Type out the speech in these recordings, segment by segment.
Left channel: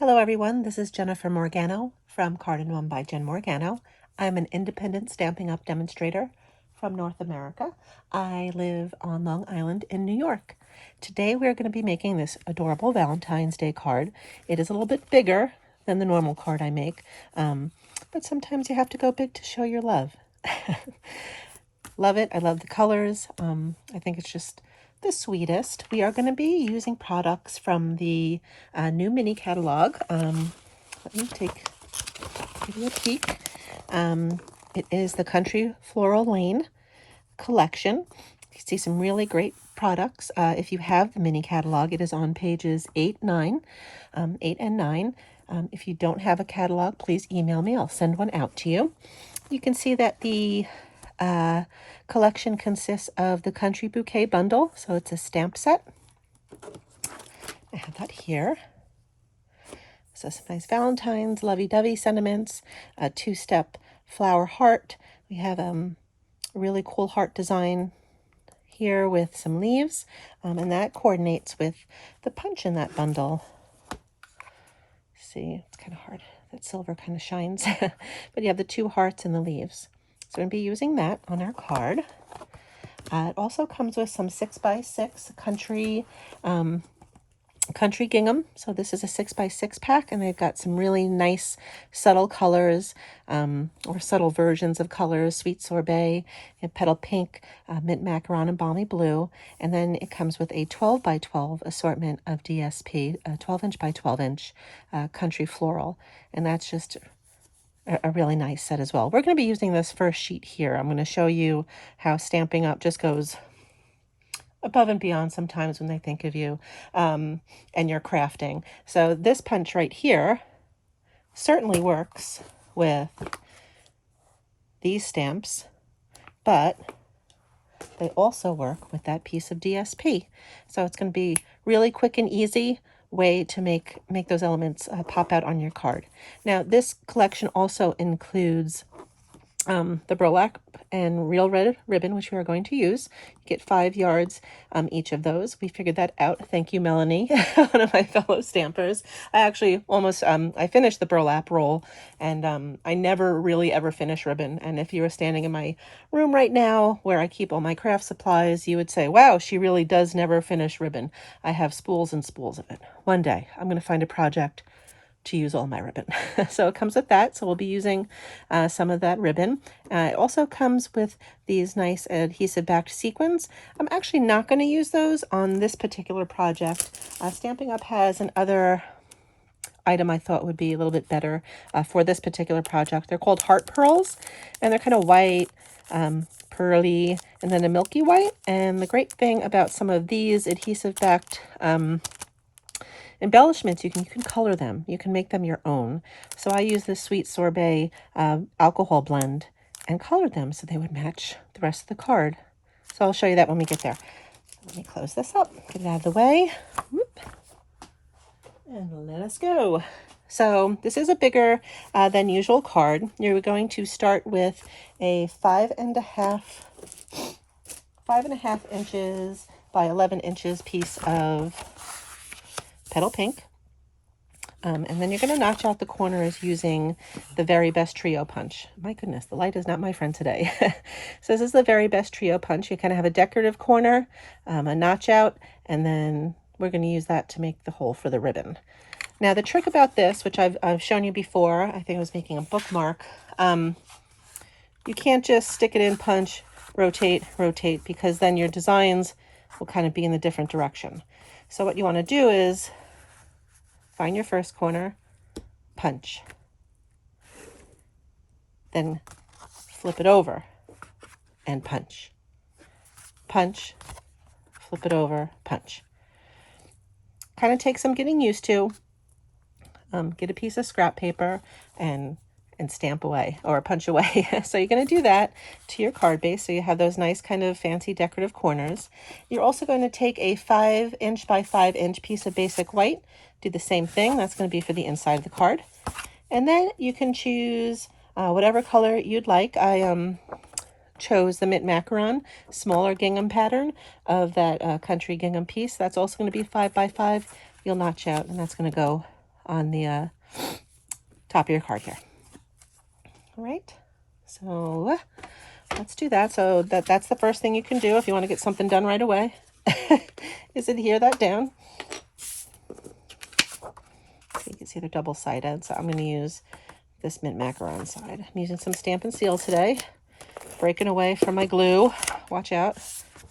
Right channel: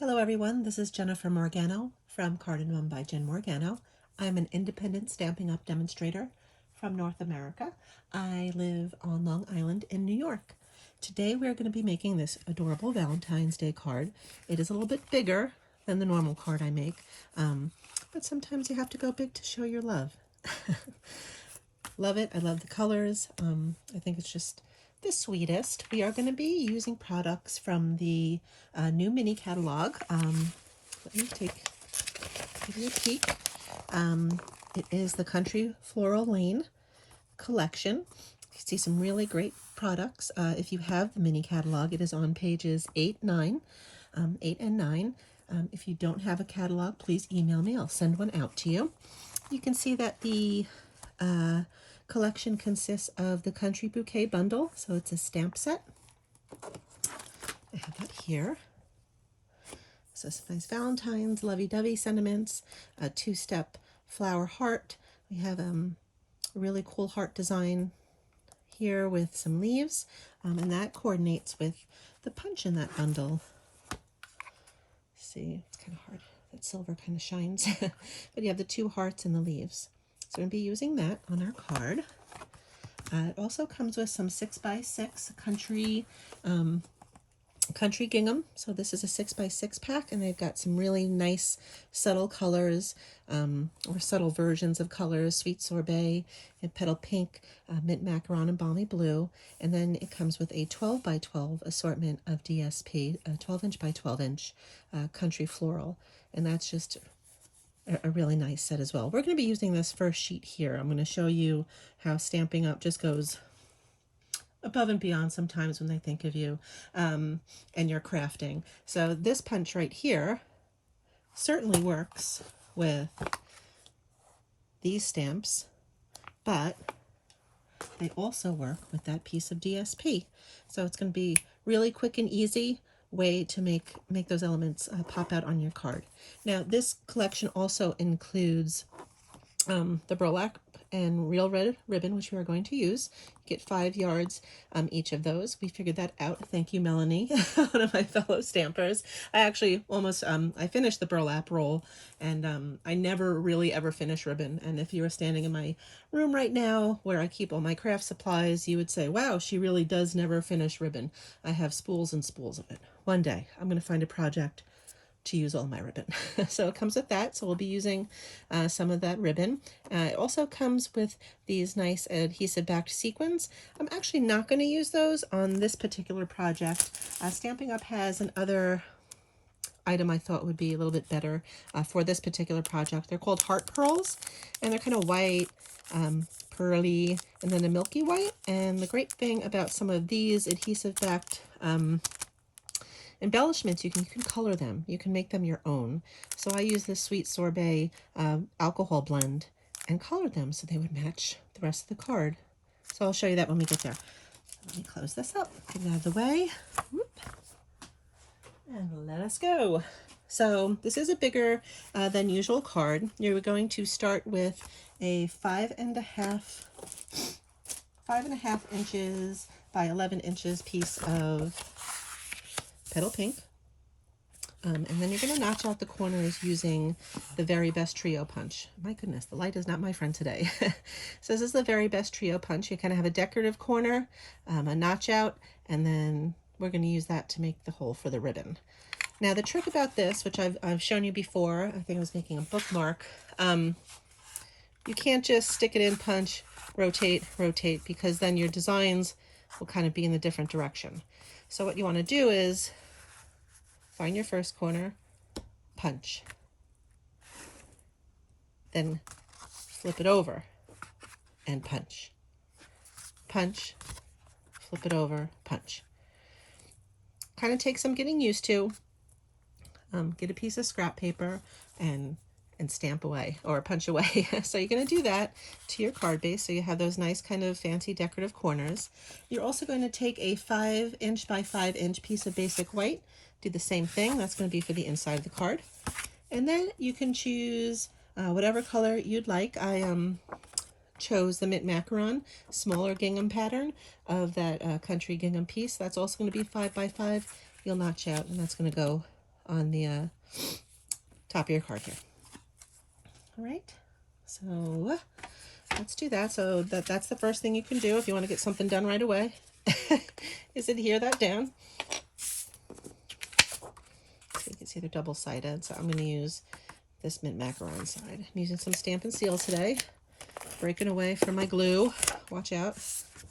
Hello everyone, this is Jennifer Morgano from Card and One by Jen Morgano. I'm an independent Stampin' Up! Demonstrator from North America. I live on Long Island in New York. Today we're going to be making this adorable Valentine's Day card. It is a little bit bigger than the normal card I make, but sometimes you have to go big to show your love. Love it. I love the colors. I think it's just the sweetest. We are going to be using products from the new mini catalog. Let me give you a peek. It is the Country Floral Lane collection. You see some really great products. If you have the mini catalog, it is on pages 8 and 9. If you don't have a catalog, please email me. I'll send one out to you. You can see that the collection consists of the Country Bouquet bundle, so it's a stamp set. I have that here. So some nice Valentine's, lovey-dovey sentiments, a two-step flower heart. We have a really cool heart design here with some leaves, and that coordinates with the punch in that bundle. See, it's kind of hard. That silver kind of shines, but you have the two hearts and the leaves. So I'm going to be using that on our card. It also comes with some 6x6 country gingham. So this is a 6x6 pack, and they've got some really nice subtle colors, or subtle versions of colors: sweet sorbet, petal pink, mint macaron, and balmy blue. And then it comes with a 12x12 assortment of DSP, a 12-inch by 12-inch country floral, and that's just a really nice set as well. We're going to be using this first sheet here. I'm going to show you how Stampin' Up! Just goes above and beyond sometimes when they think of you and your crafting. So this punch right here certainly works with these stamps, but they also work with that piece of DSP. So it's going to be really quick and easy way to make those elements pop out on your card. Now this collection also includes the burlap and real red ribbon, which we are going to use. You get 5 yards each of those. We figured that out. Thank you, Melanie, one of my fellow stampers. I actually almost, I finished the burlap roll, and I never really ever finish ribbon. And if you were standing in my room right now where I keep all my craft supplies, you would say, wow, she really does never finish ribbon. I have spools and spools of it. One day I'm going to find a project to use all my ribbon. So it comes with that. So we'll be using some of that ribbon. It also comes with these nice adhesive backed sequins. I'm actually not going to use those on this particular project. Stampin' Up! Has another item I thought would be a little bit better for this particular project. They're called heart pearls, and they're kind of white, pearly, and then a milky white. And the great thing about some of these adhesive backed embellishments, you can color them. You can make them your own. So I use this sweet sorbet alcohol blend and colored them so they would match the rest of the card. So I'll show you that when we get there. Let me close this up, get it out of the way. Whoop. And let us go. So this is a bigger than usual card. You're going to start with a 5.5 inches by 11 inches piece of petal pink, and then you're going to notch out the corners using the Very Best Trio punch. My goodness, the light is not my friend today. So this is the Very Best Trio punch. You kind of have a decorative corner, a notch out, and then we're going to use that to make the hole for the ribbon. Now the trick about this, which I've shown you before, I think I was making a bookmark, you can't just stick it in, punch, rotate, because then your designs will kind of be in the different direction. So what you want to do is find your first corner, punch, then flip it over and punch, punch, flip it over, punch. Kind of takes some getting used to. Get a piece of scrap paper and stamp away or punch away. So you're going to do that to your card base so you have those nice kind of fancy decorative corners. You're also going to take a 5-inch by 5-inch piece of basic white, do the same thing. That's going to be for the inside of the card. And then you can choose whatever color you'd like. I chose the mint macaron smaller gingham pattern of that country gingham piece. That's also going to be 5 by 5. You'll notch out, and that's going to go on the top of your card here. All right, so let's do that. So that's the first thing you can do if you want to get something done right away, is adhere that down. So you can see they're double-sided, so I'm going to use this mint macaron side. I'm using some Stampin' Seals today, breaking away from my glue. Watch out.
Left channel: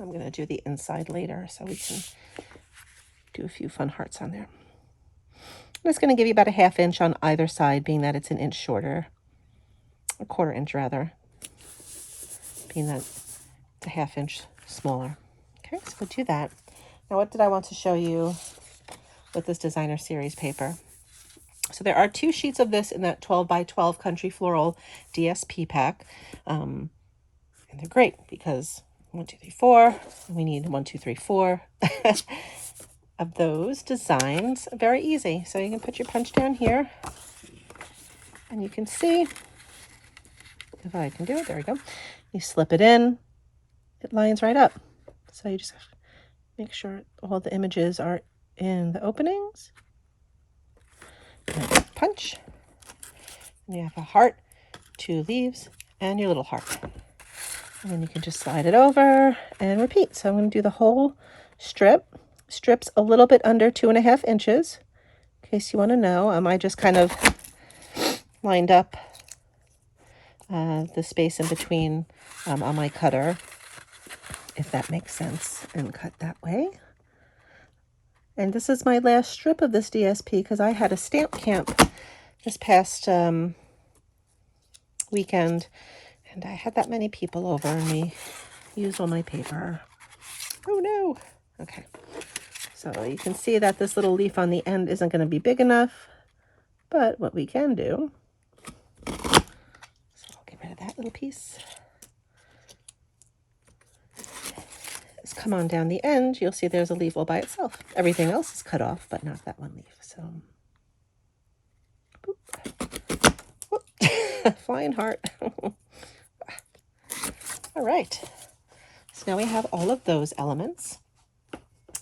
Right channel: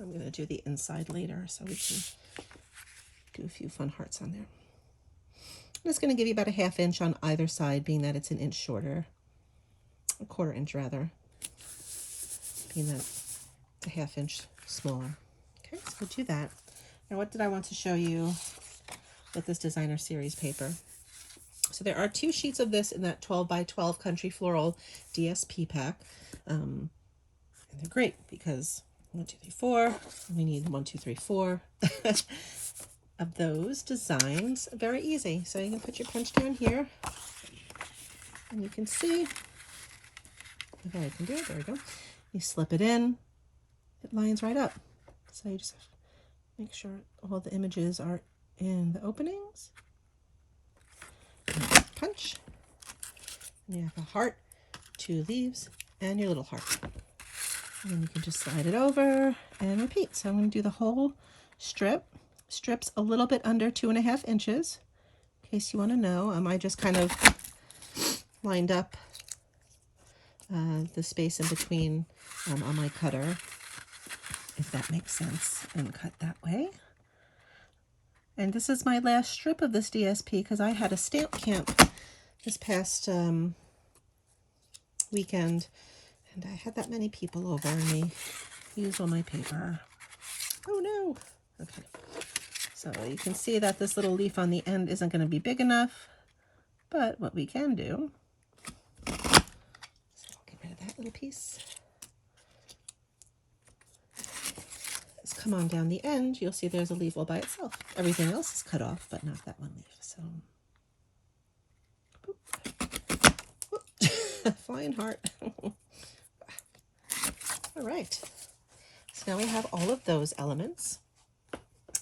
I'm going to do the inside later so we can do a few fun hearts on there. And it's going to give you about a 1/2 inch on either side, being that it's an inch shorter, a 1/4 inch rather, being that it's a 1/2 inch smaller. Okay, so we'll do that. Now, what did I want to show you with this designer series paper? So there are 2 sheets of this in that 12 by 12 Country Floral DSP pack. And they're great because 1, 2, 3, 4. We need 1, 2, 3, 4 of those designs. Very easy. So you can put your punch down here, and you can see if I can do it. There we go. You slip it in. It lines right up. So you just have to make sure all the images are in the openings. Punch. And you have a heart, 2 leaves, and your little heart. And then you can just slide it over and repeat. So I'm going to do the whole strip. Strip's a little bit under 2.5 inches. In case you want to know, I just kind of lined up the space in between on my cutter, if that makes sense, and cut that way. And this is my last strip of this DSP because I had a stamp camp this past weekend, and I had that many people over and we used all my paper. Oh no. Okay. So you can see that this little leaf on the end isn't going to be big enough, but what we can do, so I'll get rid of that little piece, is come on down the end. You'll see there's a leaf all by itself. Everything else is cut off, but not that one leaf. So, flying heart. All right. So now we have all of those elements.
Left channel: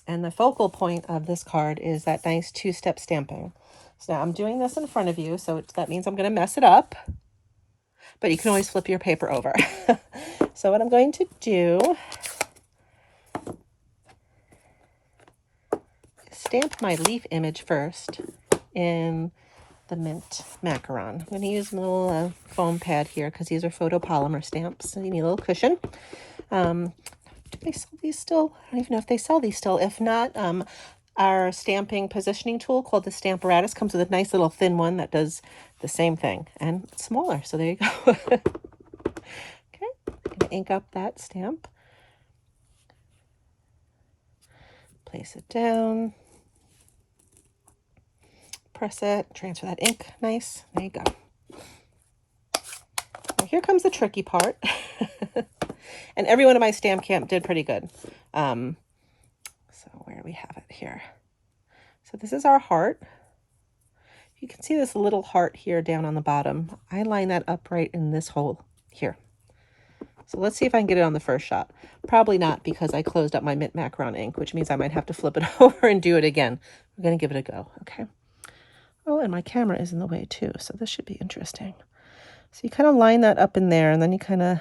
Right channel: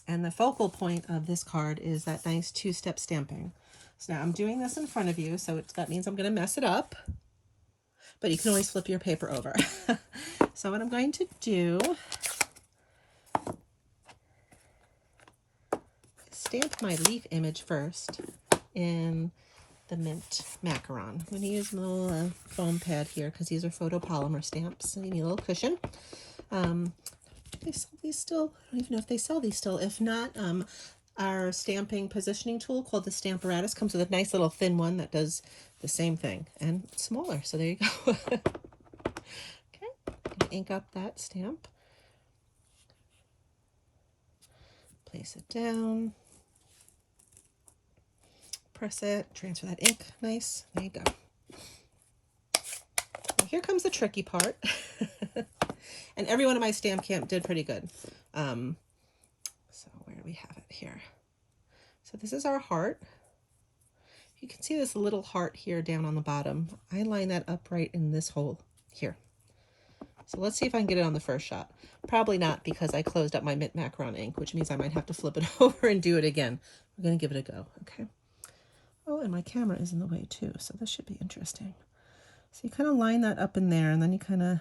And the focal point of this card is that nice 2-step stamping. So now I'm doing this in front of you, so that means I'm going to mess it up. But you can always flip your paper over. So what I'm going to do is stamp my leaf image first in the mint macaron. I'm going to use a little foam pad here because these are photopolymer stamps, so you need a little cushion. Do they sell these still? I don't even know if they sell these still. If not, our stamping positioning tool called the Stamparatus comes with a nice little thin one that does the same thing and smaller. So there you go. Okay, I'm gonna ink up that stamp. Place it down. Press it. Transfer that ink. Nice. There you go. Now here comes the tricky part. And everyone in my stamp camp did pretty good. So where we have it here. So this is our heart. You can see this little heart here down on the bottom. I line that up right in this hole here. So let's see if I can get it on the first shot. Probably not because I closed up my mint macaron ink, which means I might have to flip it over and do it again. We're going to give it a go. Okay. Oh, and my camera is in the way too. So this should be interesting. So you kind of line that up in there and then you kind of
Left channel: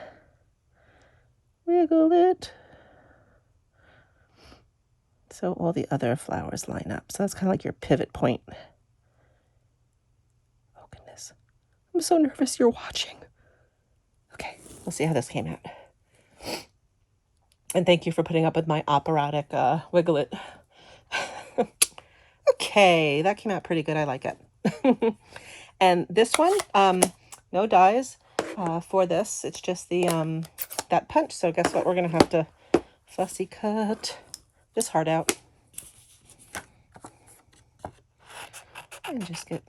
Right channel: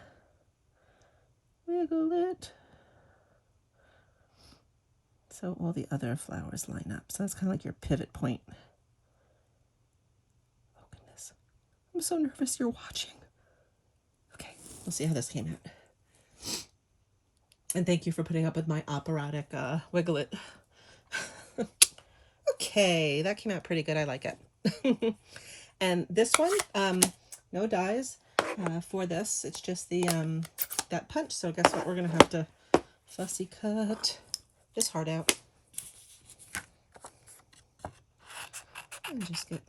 wiggle it so all the other flowers line up. So that's kind of like your pivot point. Oh goodness, I'm so nervous you're watching. Okay, we'll see how this came out. And thank you for putting up with my operatic wiggle it. Okay, that came out pretty good. I like it. And this one, no dies for this. It's just the that punch. So guess what? We're gonna have to fussy cut this heart out and just get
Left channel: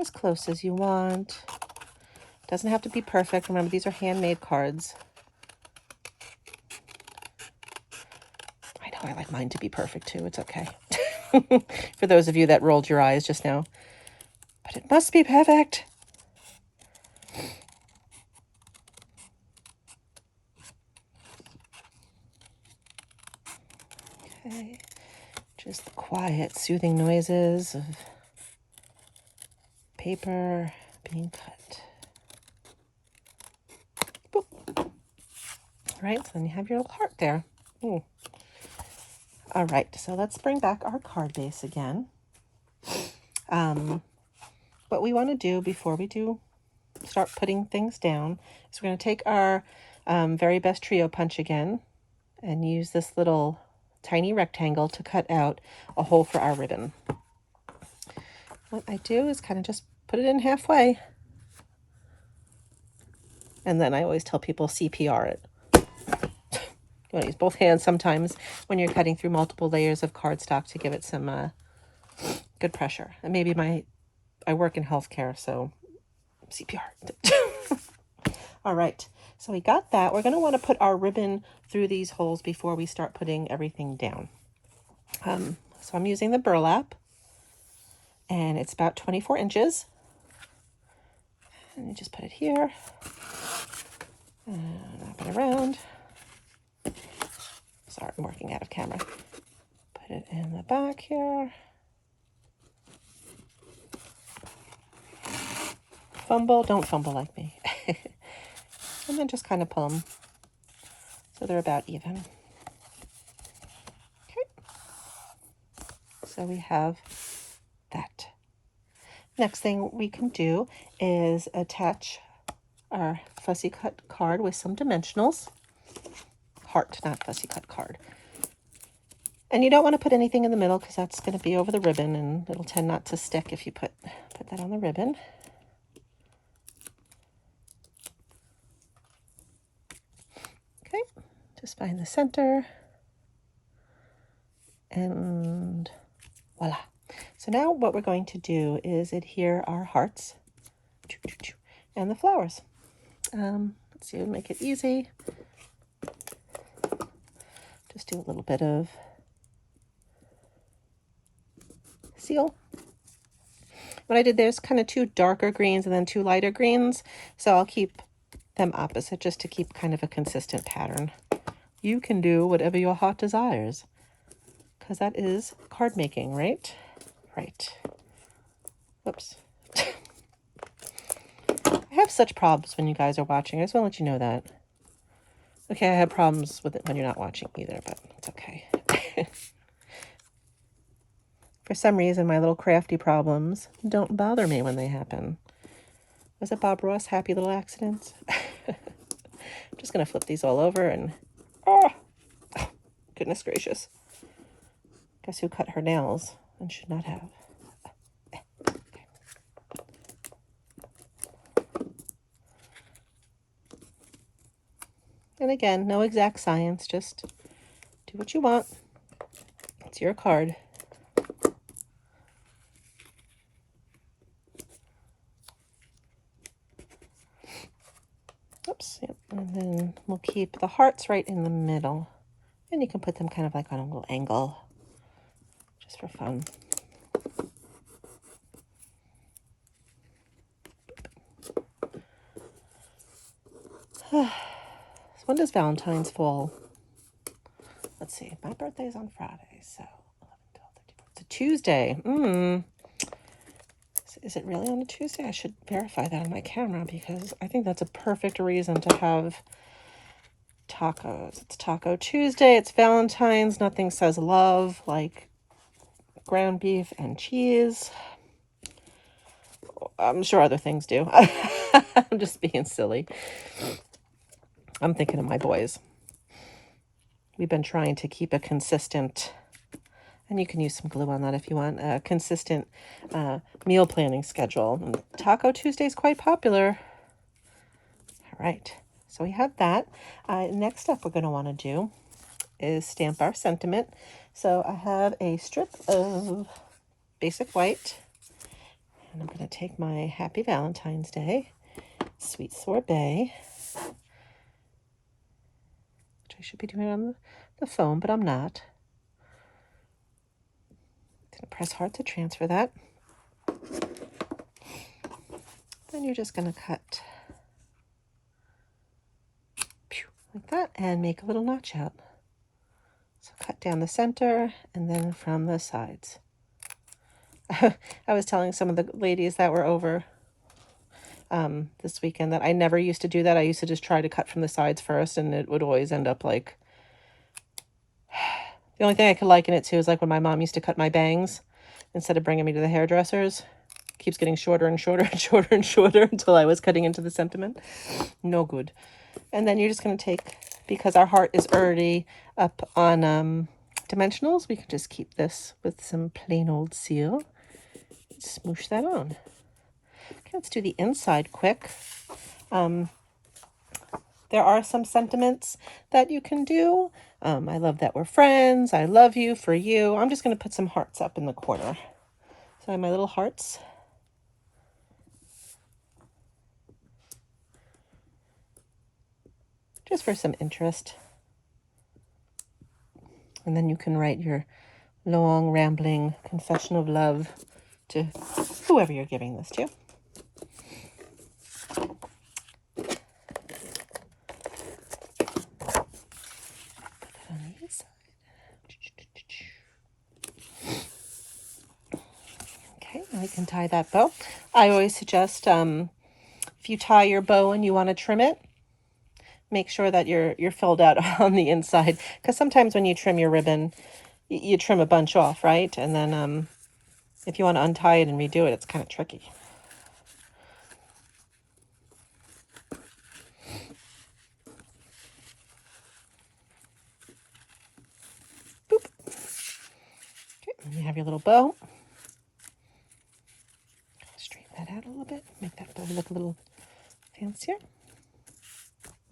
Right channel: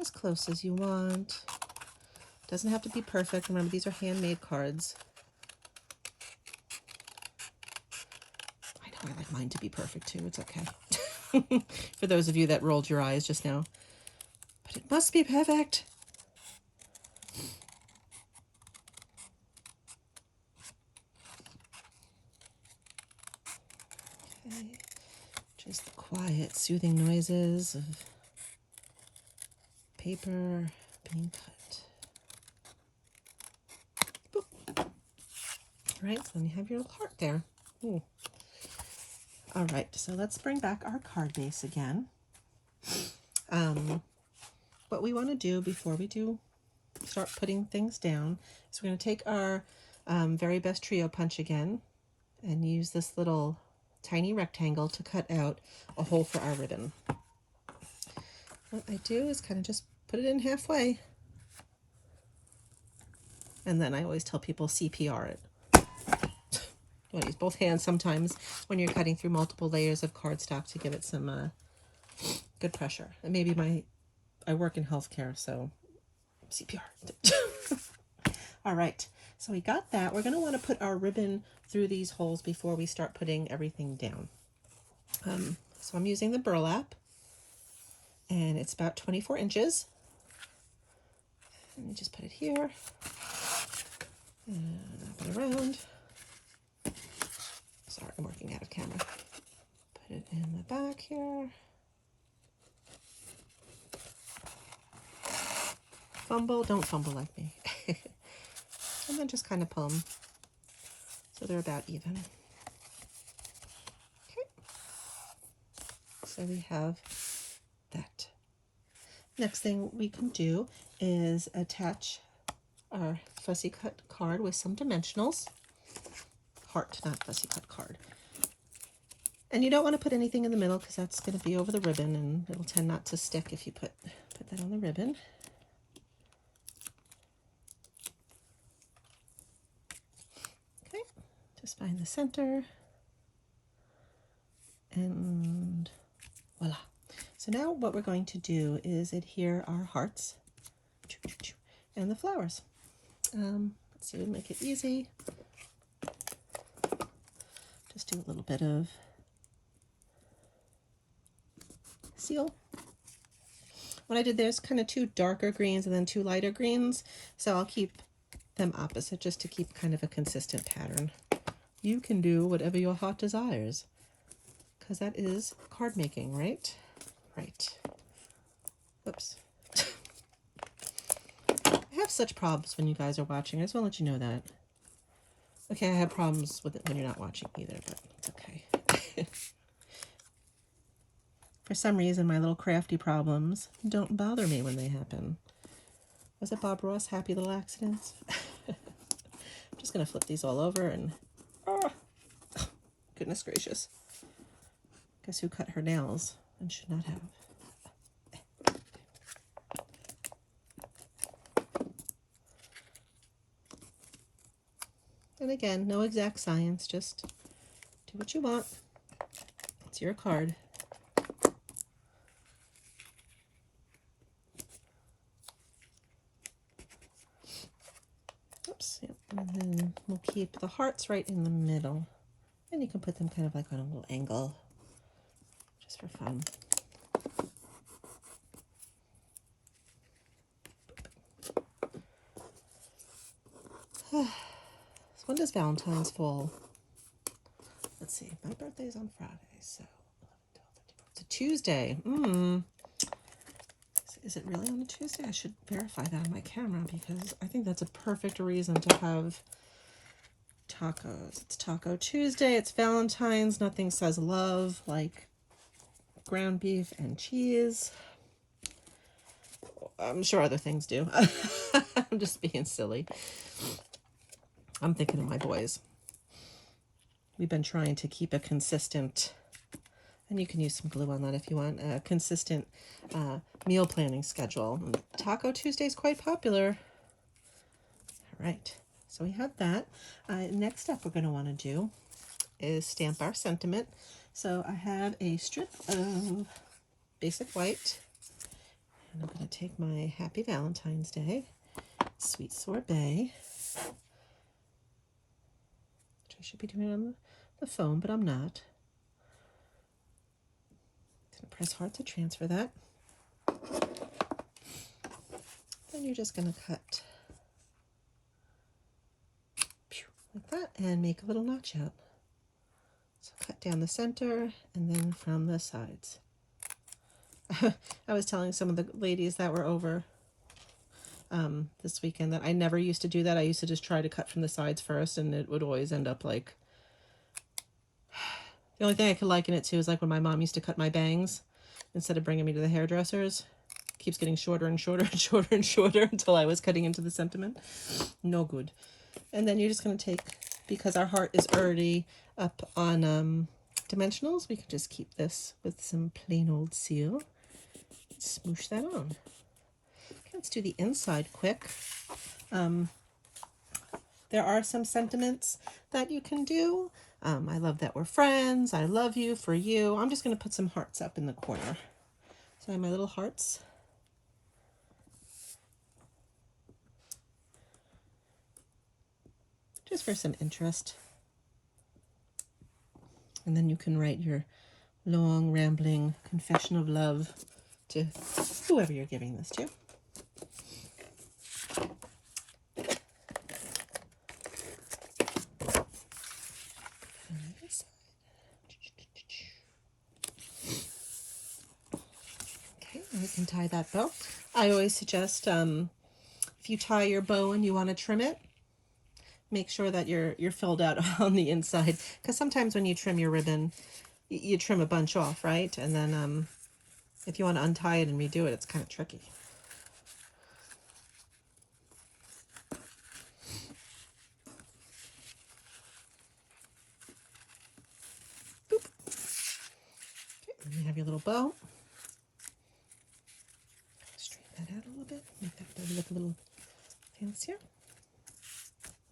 as close as you want. Doesn't have to be perfect. Remember, these are handmade cards. I know I like mine to be perfect too. It's okay. For those of you that rolled your eyes just now, but it must be perfect. Okay, Just the quiet, soothing noises of paper being cut. Boop. All right, so then you have your little heart there. Ooh. All right, so let's bring back our card base again. What we want to do before we start putting things down is we're going to take our very best trio punch again and use this little tiny rectangle to cut out a hole for our ribbon. What I do is kind of just put it in halfway, and then I always tell people CPR it. You want to use both hands sometimes when you're cutting through multiple layers of cardstock to give it some good pressure. And maybe I work in healthcare, so CPR. All right, so we got that. We're going to want to put our ribbon through these holes before we start putting everything down. So I'm using the burlap, and it's about 24 inches. And you just put it here, and wrap it around. Sorry, I'm working out of camera. Put it in the back here. Fumble, don't fumble like me. And then just kind of pull them so they're about even. Okay. So we have that. Next thing we can do is attach our fussy cut card with some dimensionals. Heart, not fussy cut card. And you don't want to put anything in the middle because that's going to be over the ribbon and it'll tend not to stick if you put that on the ribbon. Okay, just find the center. And voila. So now what we're going to do is adhere our hearts and the flowers. Let's see, we'll make it easy. Just do a little bit of seal. What I did there is kind of 2 darker greens and then 2 lighter greens. So I'll keep them opposite just to keep kind of a consistent pattern. You can do whatever your heart desires because that is card making, right? Right. Whoops. I have such problems when you guys are watching. I just want to let you know that. Okay, I have problems with it when you're not watching either, but it's okay. For some reason, my little crafty problems don't bother me when they happen. Was it Bob Ross, Happy Little Accidents? I'm just going to flip these all over and... Oh, goodness gracious. Guess who cut her nails and should not have? And again, no exact science, just do what you want. It's your card. Oops, yep. And then we'll keep the hearts right in the middle. And you can put them kind of like on a little angle, just for fun. So when does Valentine's fall? Let's see, my birthday is on Friday, so 11, 12, 13, it's a Tuesday. Is it really on a Tuesday? I should verify that on my camera because I think that's a perfect reason to have tacos. It's Taco Tuesday. It's Valentine's. Nothing says love like ground beef and cheese. I'm sure other things do. I'm just being silly. I'm thinking of my boys. We've been trying to keep a consistent, and you can use some glue on that if you want, a consistent meal planning schedule. And Taco Tuesday is quite popular. All right, so we have that. Next up we're going to want to do is stamp our sentiment. So I have a strip of basic white, and I'm going to take my Happy Valentine's Day Sweet Sorbet, which I should be doing on the phone, but I'm not. I'm going to press hard to transfer that. Then you're just going to cut like that and make a little notch out. So cut down the center and then from the sides. I was telling some of the ladies that were over this weekend that I never used to do that. I used to just try to cut from the sides first, and it would always end up like... The only thing I could liken it to is like when my mom used to cut my bangs instead of bringing me to the hairdressers. It keeps getting shorter and shorter and shorter and shorter until I was cutting into the sentiment. No good. And then you're just going to take, because our heart is already up on dimensionals, we can just keep this with some plain old seal. Smoosh that on. Okay, let's do the inside quick. There are some sentiments that you can do. I love that we're friends. I love you for you. I'm just going to put some hearts up in the corner. So I have my little hearts. Just for some interest. And then you can write your long, rambling confession of love to whoever you're giving this to. Okay, we can tie that bow. I always suggest if you tie your bow and you want to trim it, make sure that you're filled out on the inside, because sometimes when you trim your ribbon, you trim a bunch off, right? And then if you want to untie it and redo it, it's kind of tricky. Boop. Okay, and you have your little bow. Straighten that out a little bit, make that bow look a little fancier.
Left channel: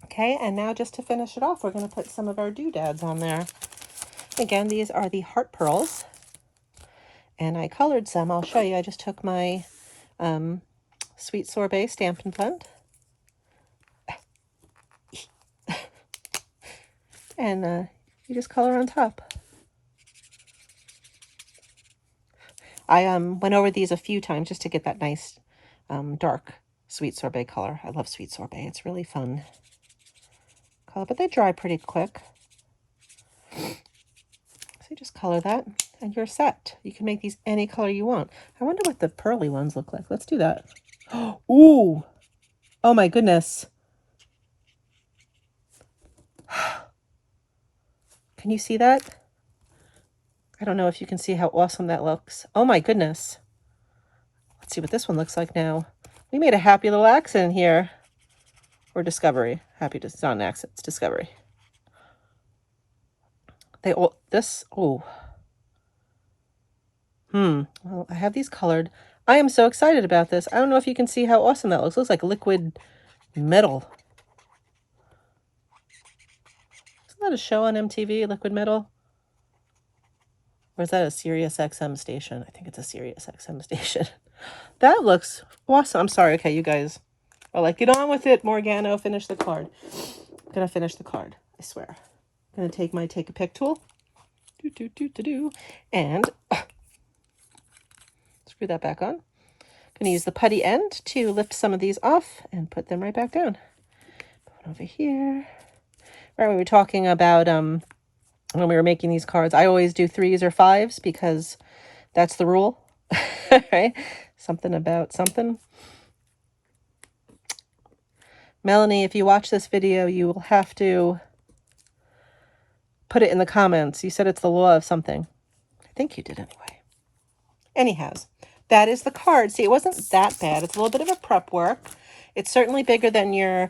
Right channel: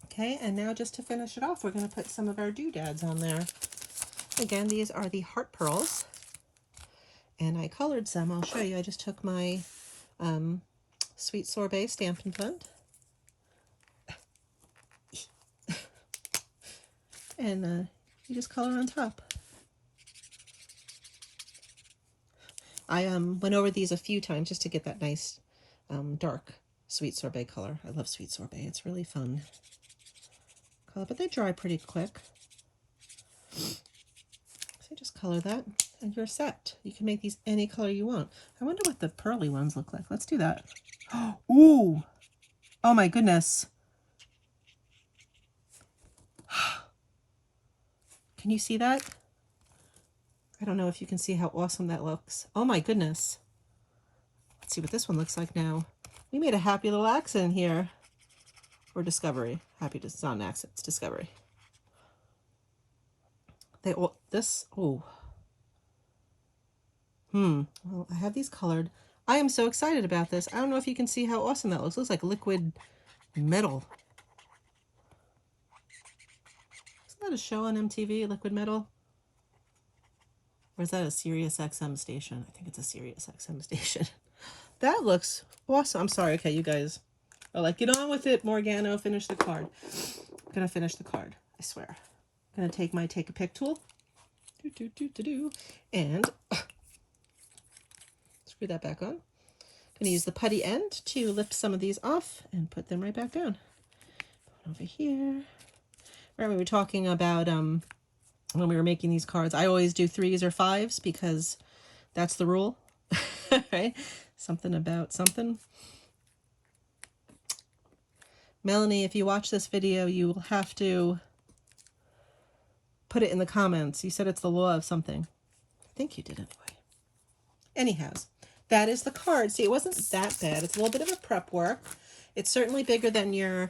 Okay, and now just to finish it off, we're going to put some of our doodads on there. Again, these are the heart pearls, and I colored some. I'll show you. I just took my Sweet Sorbet Stampin' Blend, and you just color on top. I went over these a few times just to get that nice dark Sweet Sorbet color. I love Sweet Sorbet. It's really fun color, but they dry pretty quick. So you just color that and you're set. You can make these any color you want. I wonder what the pearly ones look like. Let's do that. Ooh. Oh my goodness. Can you see that? I don't know if you can see how awesome that looks. Oh my goodness. Let's see what this one looks like now. We made a happy little accident here. Or discovery. Happy to, it's not an accident, it's discovery. They all, this, oh. Well, I have these colored. I am so excited about this. I don't know if you can see how awesome that looks. It looks like liquid metal. Isn't that a show on MTV, Liquid Metal? Or is that a Sirius XM station? I think it's a Sirius XM station. That looks awesome. I'm sorry. Okay, you guys are like, get on with it, Morgano. Finish the card. I'm going to finish the card. I swear. I'm going to take my Take a Pick tool. And screw that back on. I'm going to use the putty end to lift some of these off and put them right back down. Put over here. Right, we were talking about when we were making these cards, I always do 3s or 5s because that's the rule. Right? Something about something. Melanie, if you watch this video, you will have to put it in the comments. You said it's the law of something. I think you did anyway. Anyhow, that is the card. See, it wasn't that bad. It's a little bit of a prep work. It's certainly bigger than your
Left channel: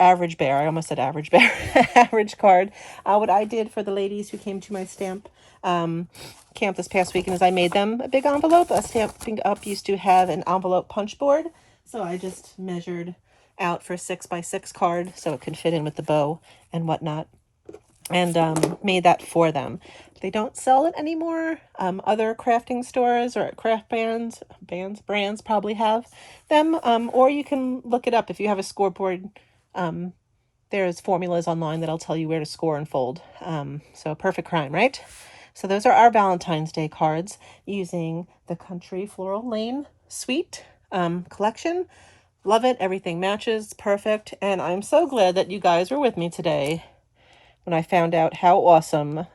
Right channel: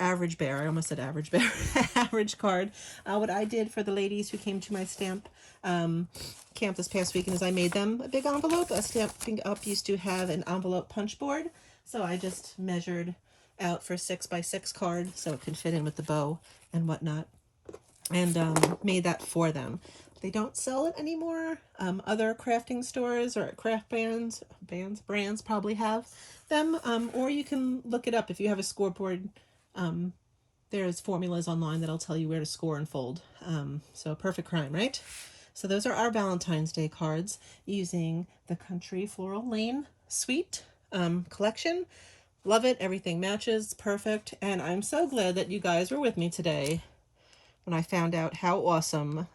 average bear. I almost said average bear. Average card. What I did for the ladies who came to my stamp camp this past weekend is I made them a big envelope. A Stamping Up used to have an envelope punch board. So I just measured out for a 6x6 card so it could fit in with the bow and whatnot. And made that for them. They don't sell it anymore. Other crafting stores or craft brands probably have them. Or you can look it up if you have a scoreboard. There's formulas online that'll tell you where to score and fold. So perfect crime, right? So those are our Valentine's Day cards using the Country Floral Lane Suite collection. Love it. Everything matches. Perfect. And I'm so glad that you guys were with me today when I found out how awesome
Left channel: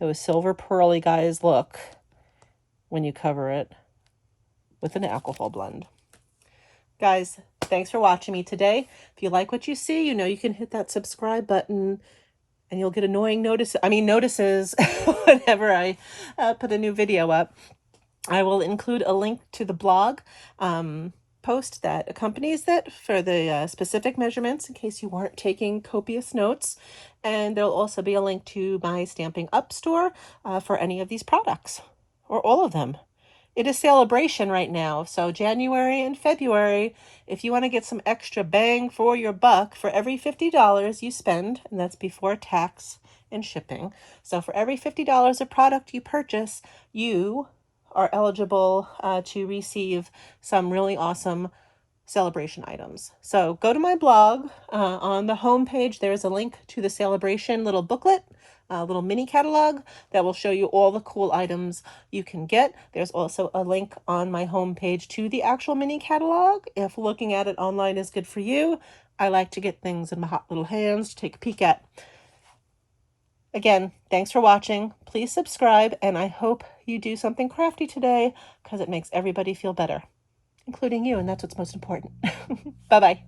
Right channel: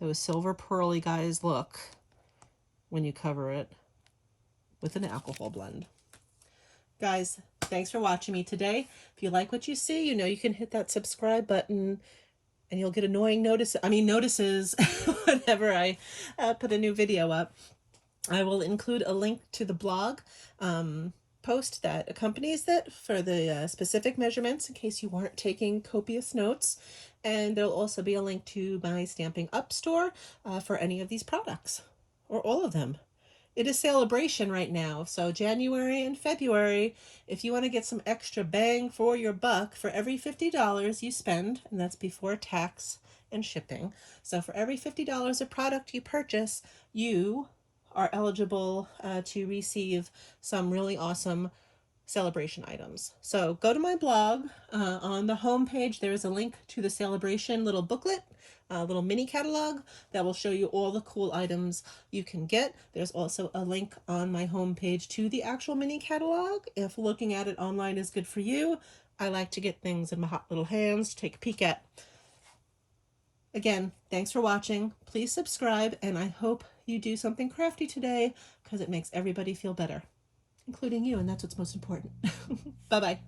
those silver pearly guys look when you cover it with an alcohol blend. Guys, thanks for watching me today. If you like what you see, you know you can hit that subscribe button and you'll get annoying notices whenever I put a new video up. I will include a link to the blog post that accompanies that for the specific measurements in case you weren't taking copious notes. And there'll also be a link to my Stampin' Up! Store for any of these products, or all of them. It is celebration right now, so January and February, if you want to get some extra bang for your buck, for every $50 you spend, and that's before tax and shipping, so for every $50 of product you purchase, you are eligible to receive some really awesome celebration items. So go to my blog. On the home page, there's a link to the celebration little booklet, a little mini catalog that will show you all the cool items you can get. There's also a link on my home page to the actual mini catalog. If looking at it online is good for you, I like to get things in my hot little hands to take a peek at. Again, thanks for watching. Please subscribe, and I hope you do something crafty today because it makes everybody feel better, including you, and that's what's most important. Bye-bye.